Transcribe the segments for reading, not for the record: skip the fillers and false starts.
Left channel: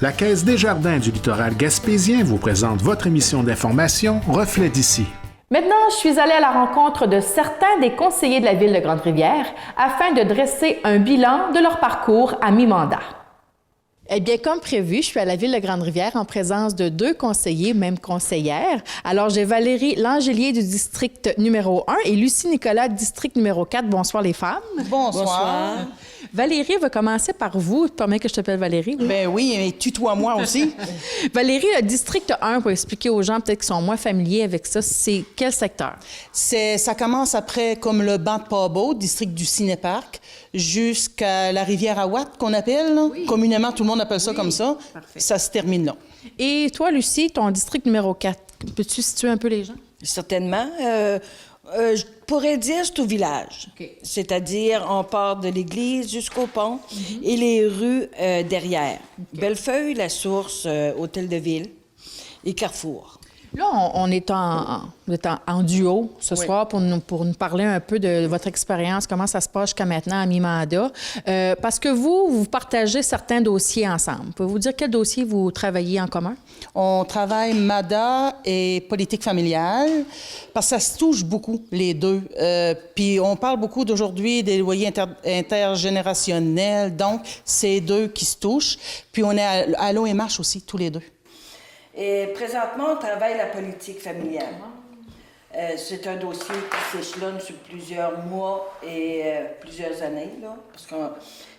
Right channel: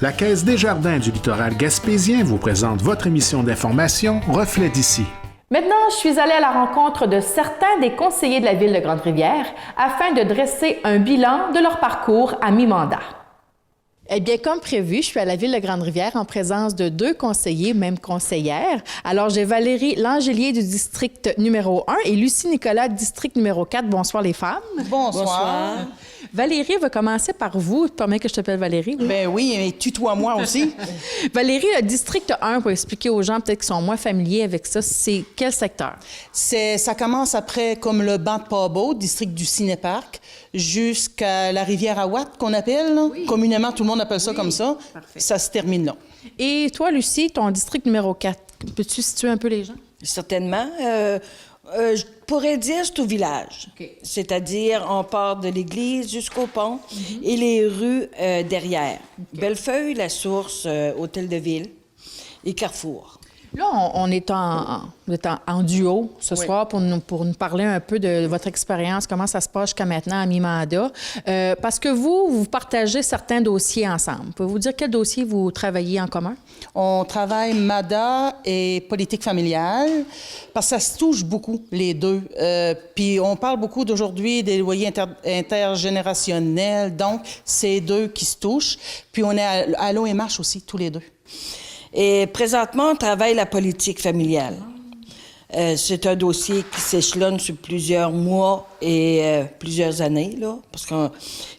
La Caisse des Jardins du littoral gaspésien vous présente votre émission d'information Reflet d'ici. Maintenant, je suis allée à la rencontre de certains des conseillers de la Ville de Grande-Rivière afin de dresser un bilan de leur parcours à mi-mandat. Eh bien, comme prévu, je suis à la Ville de Grande-Rivière en présence de deux conseillers, même conseillères. Alors, j'ai Valérie Langelier du district numéro 1 et Lucie Nicolas, district numéro 4. Bonsoir, les femmes. Bonsoir. Valérie va commencer par vous. Permets que je t'appelle Valérie? Oui? Ben oui, et tutoie-moi aussi. Valérie, le district 1, pour expliquer aux gens peut-être qui sont moins familiers avec ça, c'est quel secteur? Ça commence après comme le banc de Pabot, district du Cinéparc, jusqu'à la rivière Aouat, qu'on appelle. Oui. Communément, tout le monde appelle ça comme ça. Parfait. Ça se termine là. Et toi, Lucie, ton district numéro 4, peux-tu situer un peu les gens? Certainement. Je pourrais dire c'est au village. Okay. C'est-à-dire, on part de l'église jusqu'au pont et les rues derrière. Okay. Bellefeuille, La Source, Hôtel de Ville et Carrefour. Là, on est en duo ce soir pour nous parler un peu de votre expérience, comment ça se passe jusqu'à maintenant à mi-mandat. Parce que vous partagez certains dossiers ensemble. Pouvez-vous dire quel dossier vous travaillez en commun? On travaille MADA et politique familiale parce que ça se touche beaucoup, les deux. Puis on parle beaucoup d'aujourd'hui des loyers intergénérationnels, donc c'est deux qui se touchent. Puis on est à l'OMH aussi, tous les deux. Et présentement, on travaille la politique familiale. C'est un dossier qui s'échelonne sur plusieurs mois et plusieurs années, là, parce que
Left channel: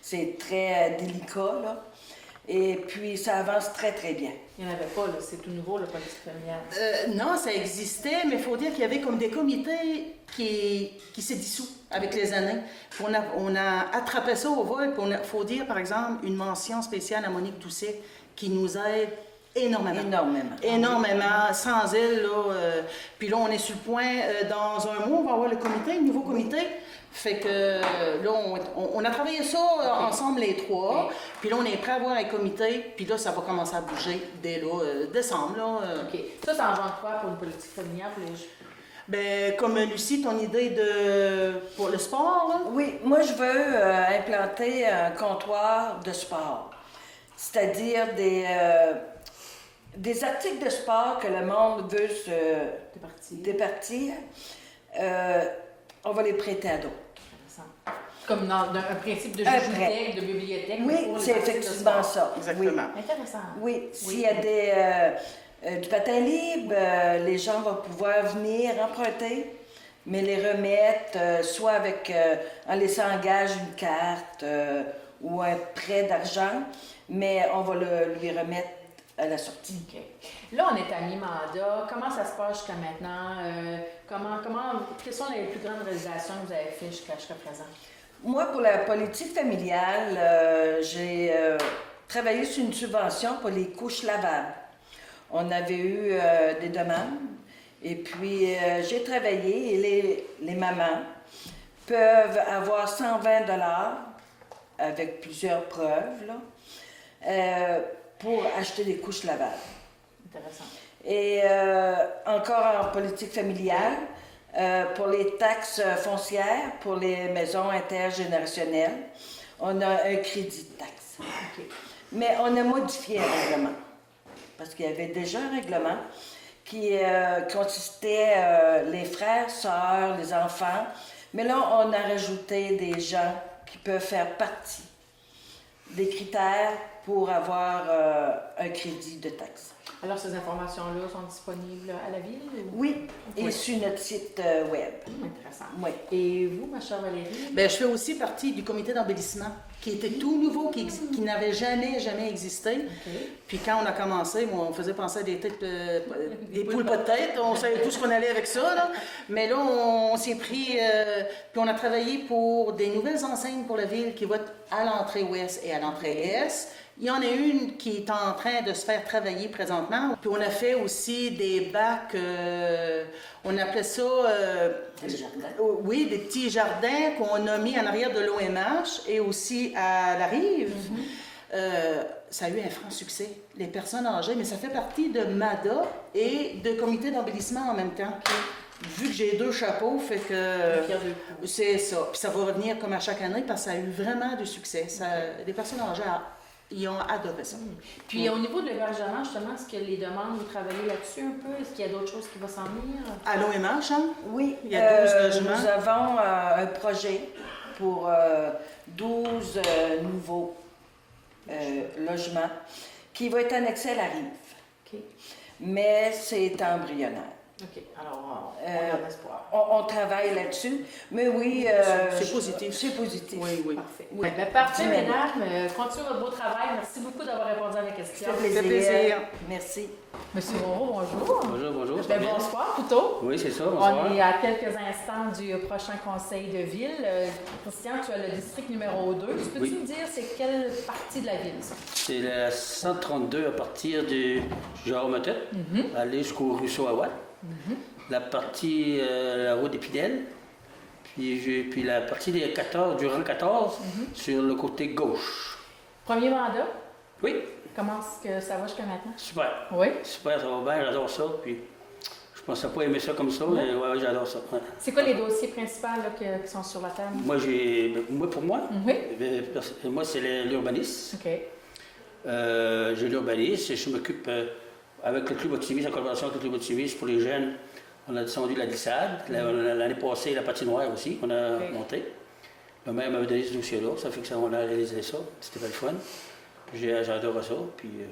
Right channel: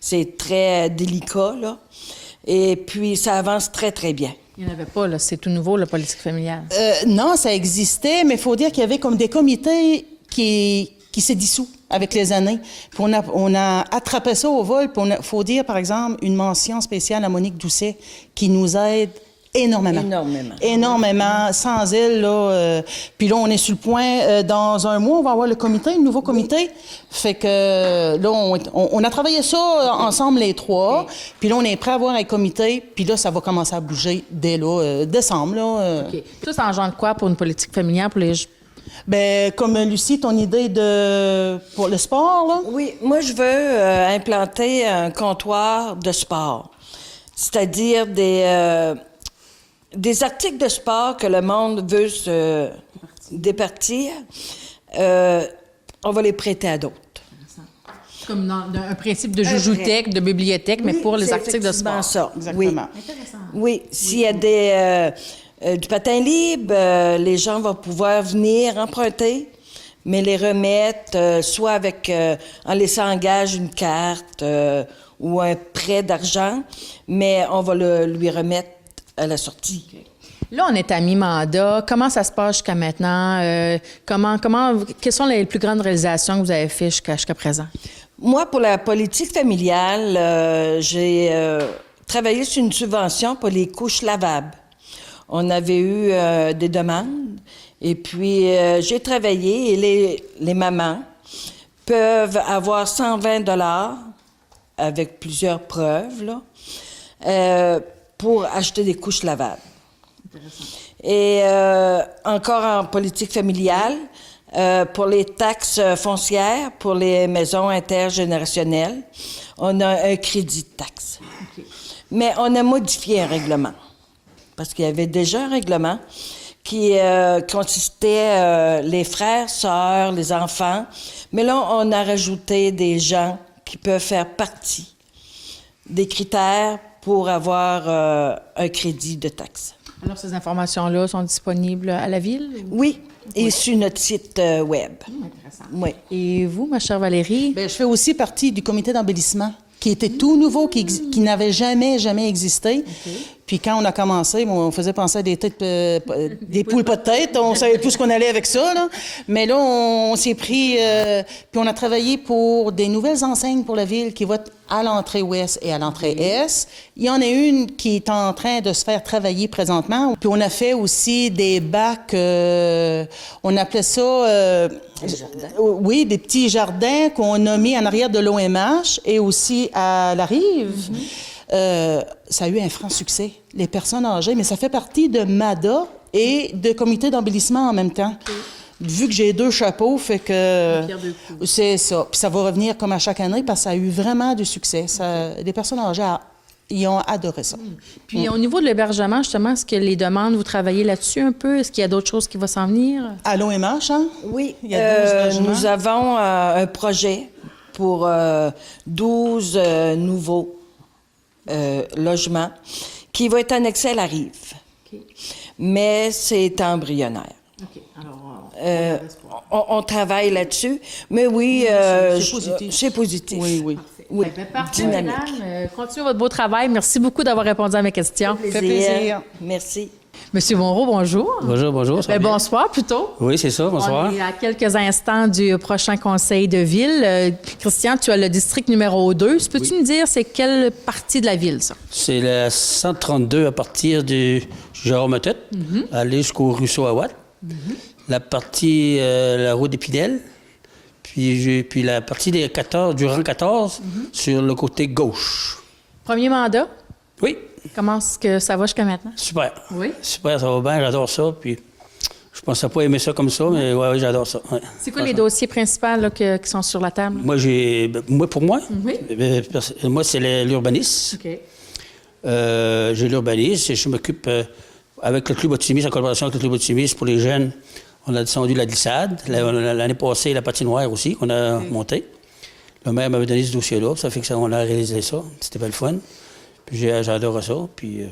c'est très délicat, là. Et puis, ça avance très, très bien. Il n'y en avait pas, là. C'est tout nouveau, la politique familiale. Non, ça existait, mais il faut dire qu'il y avait comme des comités qui s'est dissous avec les années. Puis on a attrapé ça au vol. Puis il faut dire, par exemple, une mention spéciale à Monique Doucet qui nous aide énormément. Énormément. Sans elle, là... puis là, on est sur le point, dans un mois, on va avoir le nouveau comité. Fait que là, on a travaillé ça ensemble, les trois. Puis là, on est prêt à avoir un comité. Puis là, ça va commencer à bouger dès là, décembre, là. OK. Ça engendre quoi pour une politique familiale, pour les... Bien, comme Lucie, ton idée pour le sport, là? Oui, moi, je veux implanter un comptoir de sport. C'est-à-dire des articles de sport que le monde veut se départir, on va les prêter à d'autres. Comme dans un principe de joujoutèque, de bibliothèque, mais pour les articles de sport. Ça. Exactement. Oui. Intéressant. Oui, s'il y a du patin libre, les gens vont pouvoir venir emprunter, mais les remettre soit en laissant en gage une carte ou un prêt d'argent, mais on va lui remettre à la sortie. Okay. Là, on est à mi-mandat. Comment ça se passe jusqu'à maintenant? Quelles sont les plus grandes réalisations que vous avez faites jusqu'à présent? Moi, pour la politique familiale, j'ai travaillé sur une subvention pour les couches lavables. On avait eu des demandes et puis j'ai travaillé et les mamans peuvent avoir 120 $ avec plusieurs preuves, là, pour acheter des couches lavables. Intéressant. Et encore en politique familiale, pour les taxes foncières, pour les maisons intergénérationnelles, on a un crédit de taxe. Okay. Mais on a modifié un règlement. Parce qu'il y avait déjà un règlement qui consistait les frères, sœurs, les enfants. Mais là, on a rajouté des gens qui peuvent faire partie des critères pour avoir un crédit de taxe. Alors, ces informations-là sont disponibles à la Ville? Oui, et sur notre site web. Intéressant. Oui. Et vous, ma chère Valérie? Bien, je fais aussi partie du comité d'embellissement, qui était tout nouveau, qui n'avait jamais existé. Okay. Puis quand on a commencé, on faisait penser à des poules pas de tête. On savait plus ce qu'on allait avec ça, là. Mais là, on s'est pris... puis on a travaillé pour des nouvelles enseignes pour la ville qui vont être à l'entrée ouest et à l'entrée est. Il y en a une qui est en train de se faire travailler présentement. Puis on a fait aussi des bacs... on appelait ça... oui, des petits jardins qu'on a mis en arrière de l'OMH et aussi à la rive. Ça a eu un franc succès, les personnes âgées, mais ça fait partie de MADA et de comité d'embellissement en même temps. Okay. Vu que j'ai deux chapeaux, fait que c'est ça. Puis ça va revenir comme à chaque année parce que ça a eu vraiment du succès. Les personnes âgées Ils ont adoré ça. Puis au niveau de l'hébergement, justement, est-ce que les demandes, vous travaillez là-dessus un peu? Est-ce qu'il y a d'autres choses qui vont s'en venir? À l'OMH, hein? Oui, Il y a 12 logements. nous avons un projet pour 12 nouveaux logements qui va être annexé à la rive. Mais c'est embryonnaire. On travaille là-dessus. Mais oui, c'est positif. C'est positif. Oui, oui. Oui. Ben, parfait, Dynamique. mesdames. Continuez votre beau travail. Merci beaucoup d'avoir répondu à mes questions. fait plaisir. Merci. Monsieur Bonreau, bonjour. Bonjour, ça va Ben, bien? bonsoir plutôt. Oui, c'est ça, On bonsoir. est à quelques instants du prochain conseil de ville. Christian, tu as le district numéro 2. Peux-tu nous dire c'est quelle partie de la ville, ça? C'est la 132 à partir du Jérôme-Tête, aller jusqu'au ruisseau Aouat. La partie, la route d'Épinel, puis la partie des 14, du rang 14, sur le côté gauche. Premier mandat. Oui, Comment est-ce que ça va jusqu'à maintenant? super. Oui. Super, ça va bien, j'adore ça. Puis je pensais pas aimer ça comme ça, mais ouais, j'adore ça. Ouais. C'est quoi les dossiers principaux là, qui sont sur la table? Pour moi, Oui. moi c'est l'urbanisme. OK. J'ai l'urbanisme et je m'occupe avec le Club Optimiste, en collaboration avec le Club Optimiste pour les jeunes. On a descendu la glissade. L'année passée, la patinoire aussi, qu'on a montée. Le maire m'avait donné ce dossier-là, ça fait que on a réalisé ça. C'était pas le fun. Puis j'adore ça, puis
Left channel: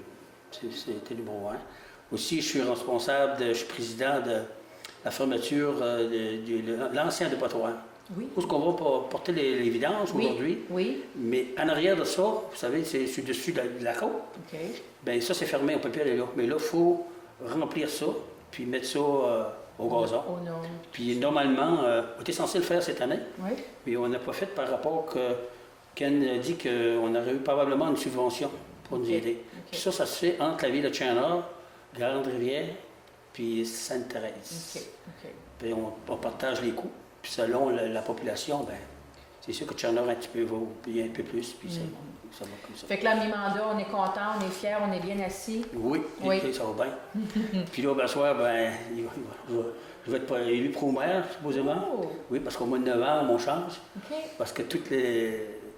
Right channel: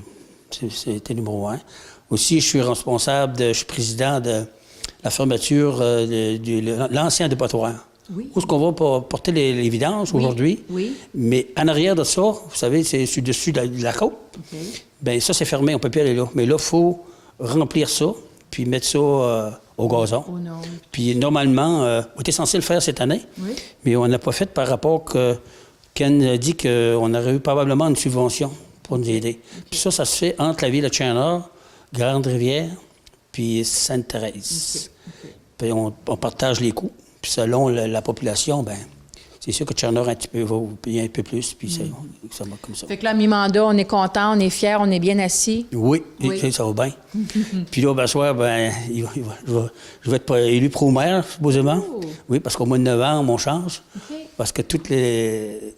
c'était numéro 1. Aussi, je suis président de la fermeture de l'ancien dépotoir. Oui. Où est-ce qu'on va porter les vidanges aujourd'hui? Oui. Mais en arrière de ça, vous savez, c'est sur-dessus de la côte. OK. Bien, ça, c'est fermé, on ne peut plus aller là. Mais là, il faut remplir ça, puis mettre ça au gazon. Oh non. Puis normalement, on était censé le faire cette année, Oui. mais on n'a pas fait par rapport que Ken a dit qu'on aurait eu probablement une subvention pour nous aider. Puis ça se fait entre la ville de Chandler, Grande-Rivière, puis Sainte-Thérèse. Puis on partage les coûts. Puis selon la population, ben c'est sûr que Chandler un petit peu va payer un peu plus, puis ça va comme ça. Fait que là, mi-mandat, on est content, on est fiers, on est bien assis. Oui, Oui. et ça va bien. Puis là, ben, soir, je vais être élu pro-maire, supposément. Oh. Oui, parce qu'au mois de novembre, on change. OK. Parce que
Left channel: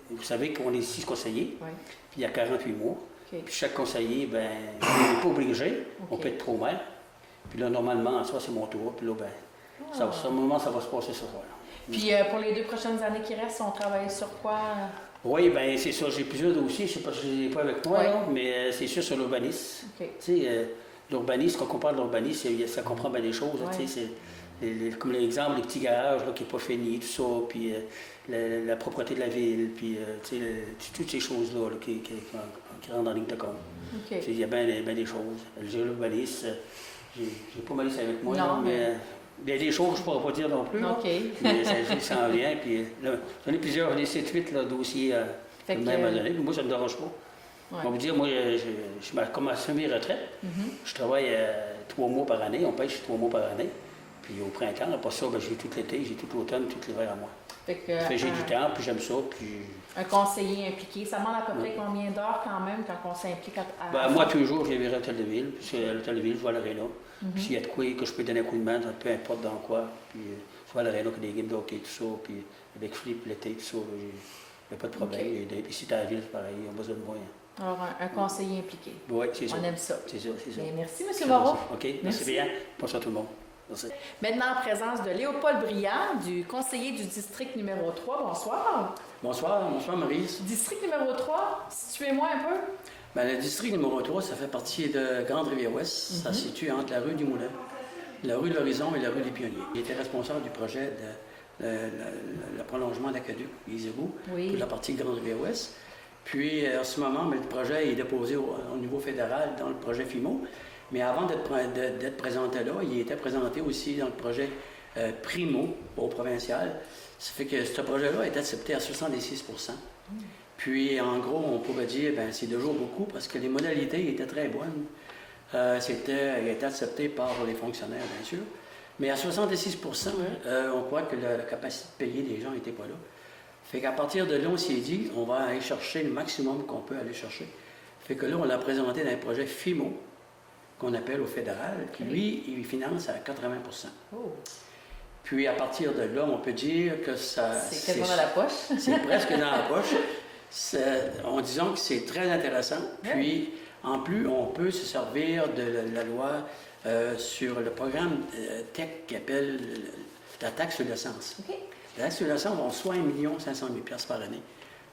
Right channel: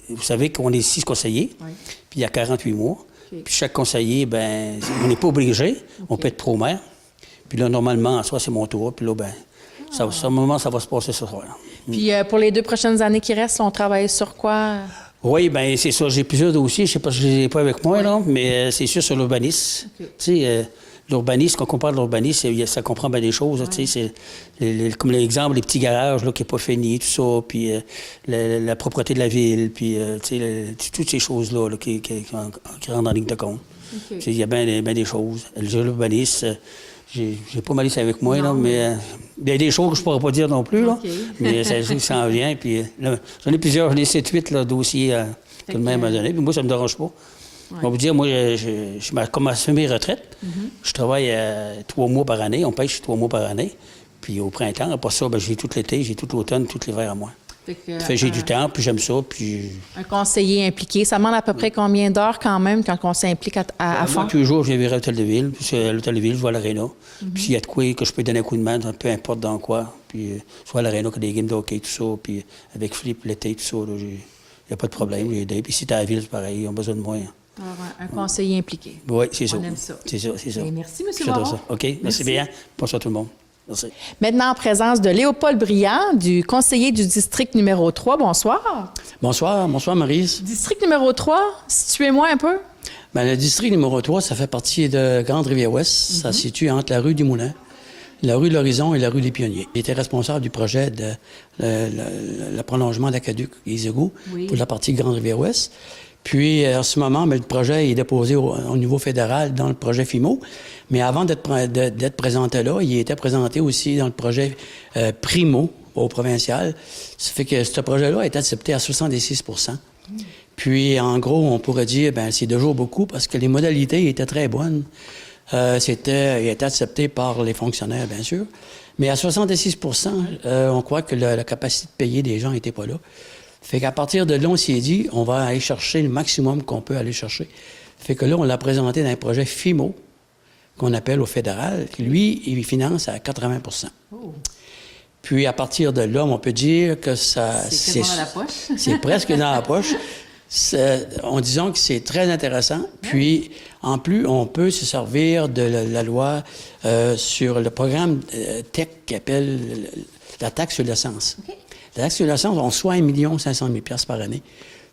vous savez qu'on est 6 conseillers, Oui. puis il y a 48 mois. OK. Puis chaque conseiller, ben on n'est pas obligé, on peut être pro-maire. Puis là, normalement, en soi, c'est mon tour. Puis là, ben ça va se passer ce soir. Puis pour les 2 prochaines années qui restent, on travaille sur quoi? Oui, bien, c'est ça. J'ai plusieurs dossiers. Je ne sais pas si je les ai pas avec moi, là, mais c'est sûr sur l'urbanisme. OK. Tu sais, l'urbanisme, quand on parle de l'urbanisme, ça comprend bien des choses. là, tu sais, c'est comme l'exemple, les petits garages là, qui n'est pas fini, tout ça, puis la propreté de la ville, puis tu sais, toutes ces choses-là là, qui rentrent en ligne de compte. OK. Tu sais, il y a bien des choses. L'urbanisme, j'ai pas mal ici avec moi, là, mais il y a des choses que je ne pourrais pas dire non plus, là, OK. mais ça en vient. Puis là, j'en ai plusieurs, j'en ai 7-8 dossiers que le maire m'a donné, puis moi, ça ne me dérange pas. On va vous dire, moi, je commence mes retraites. Je travaille 3 mois par année, on pêche 3 mois par année. Puis au printemps, après ça, ben, j'ai tout l'été, j'ai tout l'automne, tout l'hiver à moi. Fait que, Fait que j'ai du temps, puis j'aime ça, puis... un conseiller impliqué, ça demande à peu près combien d'heures quand même quand on s'implique à fond? Moi, tous les jours, je viens à l'hôtel de ville, puis à l'hôtel de ville, je vois l'aréna. Puis s'il y a de quoi que je peux donner un coup de main, peu importe dans quoi, puis soit à l'aréna, que des games de hockey, tout ça, puis avec Philippe l'été, tout ça, il n'y a pas de problème, j'ai aidé. Puis si t'es à la ville, c'est pareil, ils ont besoin de moi. Alors, un conseiller impliqué. Oui, c'est ça. On aime ça. C'est ça. Et merci, M. J'adore Moreau. ça. OK, merci bien. Bonsoir tout le monde. Merci. Maintenant, en présence de Léopold Briand, du conseiller du district numéro 3. Bonsoir. Bonsoir Maryse. District numéro 3, situez-moi un peu. Ben, le district numéro 3, ça fait partie de Grande-Rivière-Ouest. Ça se situe entre la rue du Moulin, la rue de l'Horizon et la rue des Pionniers. Il était responsable du projet de le prolongement de l'aqueduc Isegou pour la partie Grande-Rivière-Ouest. Puis, en ce moment, le projet est déposé au niveau fédéral dans le projet FIMO. Mais avant d'être présenté là, il était présenté aussi dans le projet Primo au provincial. Ça fait que ce projet-là est accepté à 76 %. Puis, en gros, on pourrait dire, ben c'est toujours beaucoup parce que les modalités étaient très bonnes. Il était accepté par les fonctionnaires, bien sûr. Mais à 76 % on croit que la capacité de payer des gens n'était pas là. Fait qu'à partir de là, on s'est dit, on va aller chercher le maximum qu'on peut aller chercher. Fait que là, on l'a présenté dans un projet FIMO, qu'on appelle au fédéral. Puis lui, il finance à 80 %. Puis à partir de là, on peut dire que ça... C'est tellement dans la poche. C'est presque dans la poche. En disant que c'est très intéressant. Puis, en plus, on peut se servir de la loi sur le programme TEC qui appelle la taxe sur l'essence. Okay. La taxe sur l'essence, on reçoit 1 500 000 $ par année.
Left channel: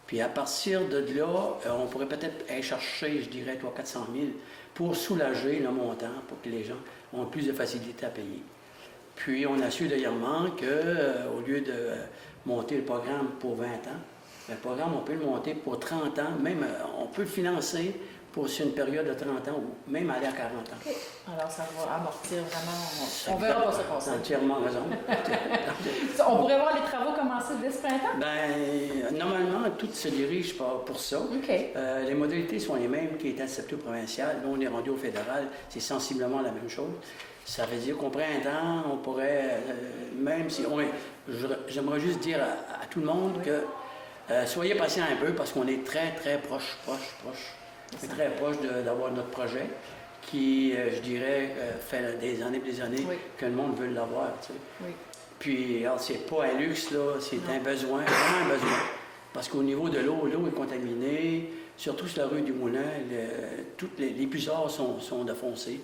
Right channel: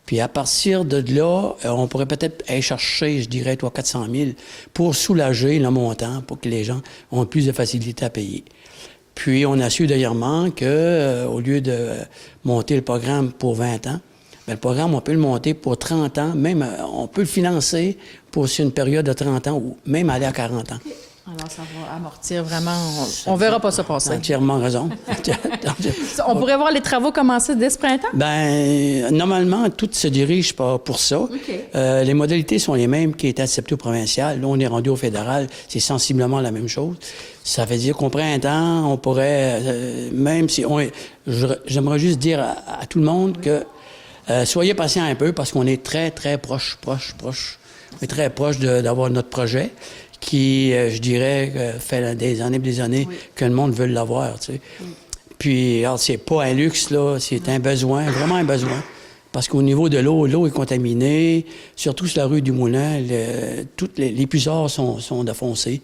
Puis à partir de là, on pourrait peut-être aller chercher, je dirais, 400 000 pour soulager le montant, pour que les gens aient plus de facilité à payer. Puis on a su dernièrement qu'au lieu de monter le programme pour 20 ans, bien, le programme, on peut le monter pour 30 ans, même on peut le financer pour une période de 30 ans ou même aller à 40 ans. Okay. Alors, ça va amortir vraiment... On ne verra pas ça passer. Entièrement raison. On pourrait voir les travaux commencer dès ce printemps? Bien, normalement, tout se dirige pour ça. Okay. Les modalités sont les mêmes qui étaient acceptées au provincial. Là, on est rendu au fédéral. C'est sensiblement la même chose. Ça veut dire qu'au printemps, on pourrait... même si... J'aimerais juste dire à tout le monde que soyez patient un peu parce qu'on est très, très proche. On est très proche d'avoir notre projet qui, je dirais, fait des années que le monde veut l'avoir, tu sais. Oui. Puis, alors, c'est pas un luxe, là, c'est un besoin, vraiment un besoin. Parce qu'au niveau de l'eau est contaminée, surtout sur la rue du Moulin, toutes les puisards sont défoncés.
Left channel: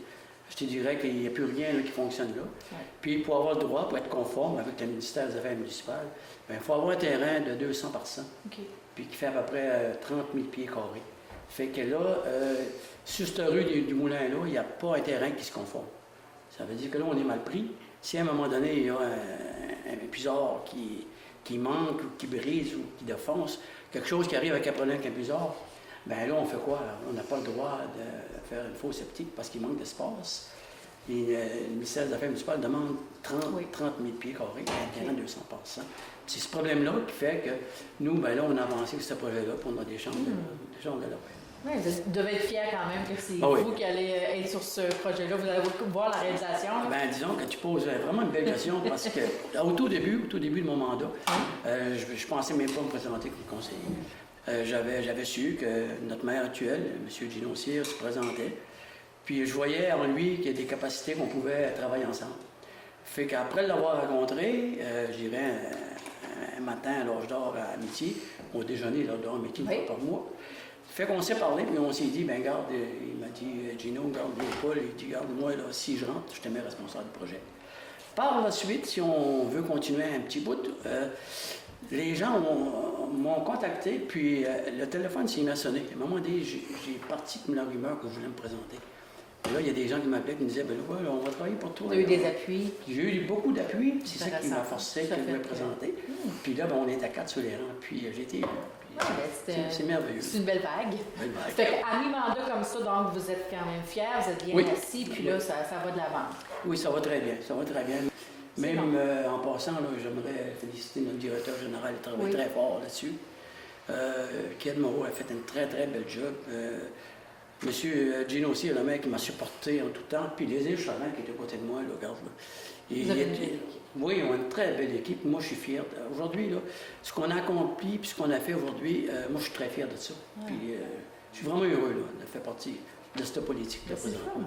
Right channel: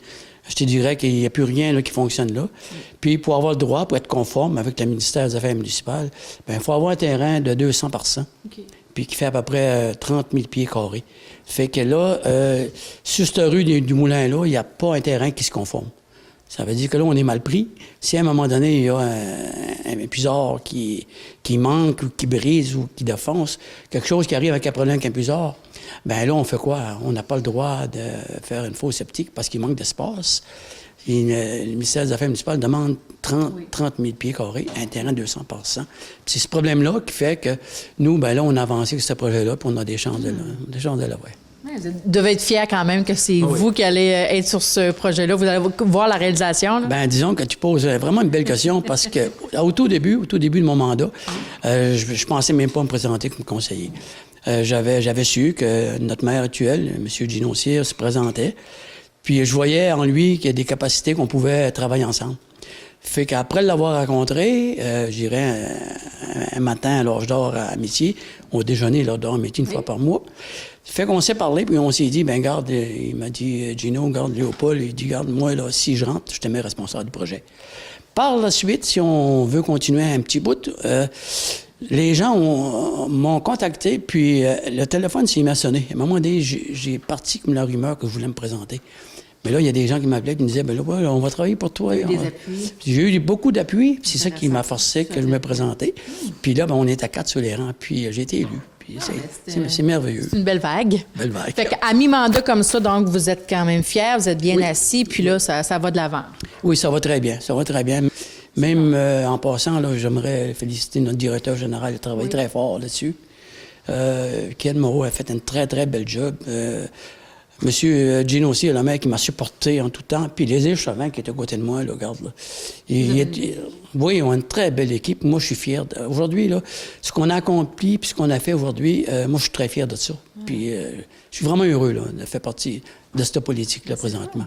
Je te dirais qu'il n'y a plus rien là, qui fonctionne là. Puis, pour avoir le droit, pour être conforme avec le ministère des Affaires municipales, bien, il faut avoir un terrain de 200 par 100, puis qui fait à peu près 30 000 pieds carrés. Fait que là, sur cette rue du Moulin-là, il n'y a pas un terrain qui se conforme. Ça veut dire que là, on est mal pris. Si à un moment donné, il y a un puisard qui manque ou qui brise ou qui défonce, quelque chose qui arrive avec un problème avec un puisard, bien là, on fait quoi? On n'a pas le droit de faire une fosse septique parce qu'il manque d'espace. Et le ministère des Affaires municipales demande 30 000 pieds carrés, un terrain de 200 par 100. C'est ce problème-là qui fait que nous, bien là, on a avancé avec ce projet-là, puis on a des chances de là, Vous devez être fiers quand même que c'est vous qui allez être sur ce projet-là. Vous allez voir la réalisation. Bien, disons que tu poses vraiment une belle question parce que au tout début de mon mandat, je pensais même pas me présenter comme conseiller. J'avais su que notre maire actuel, M. Gino Cyr, se présentait. Puis je voyais en lui qu'il y a des capacités qu'on pouvait travailler ensemble. Fait qu'après l'avoir rencontré, j'irais un matin à l'âge d'or à Amitié, au déjeuner à l'âge d'or à Amitié une fois par mois. Fait qu'on s'est parlé, puis on s'est dit, ben garde, il m'a dit, Gino, garde Léopold, il dit, garde, moi, là, si je rentre, je te mets responsable du projet. Par la suite, si on veut continuer un petit bout, les gens m'ont contacté, puis le téléphone s'est mis à sonner. À un moment donné, j'ai parti comme la rumeur que je voulais me présenter. Mais là, il y a des gens qui m'appelaient et qui me disaient, ben là, ouais, on va travailler pour toi. Des appuis. J'ai eu beaucoup d'appuis, c'est ça qui m'a forcé que je me présentais. Puis là, ben, on est à 4 sur les rangs, puis j'ai été élu. C'est merveilleux. C'est une belle vague. Belle vague. Fait qu'à mi-mandat comme ça, donc, vous êtes quand même fiers, vous êtes bien assis, puis là, ça va de l'avant. Oui, ça va très bien. Ça va très bien. Même en passant, là, j'aimerais féliciter notre directeur général. Il a travaillé très fort là-dessus. Ken Moreau a fait un très, très bel job. Monsieur Gino aussi, le mec qui m'a supporté en tout temps. Puis les Chauvin qui est à côté de moi, là, regarde. Là. Oui, ils ont une très belle équipe. Moi, je suis fier. Aujourd'hui, là, ce qu'on a accompli puis ce qu'on a fait aujourd'hui, moi, je suis très fier de ça. Puis je suis vraiment heureux là, de faire partie de cette politique-là présentement.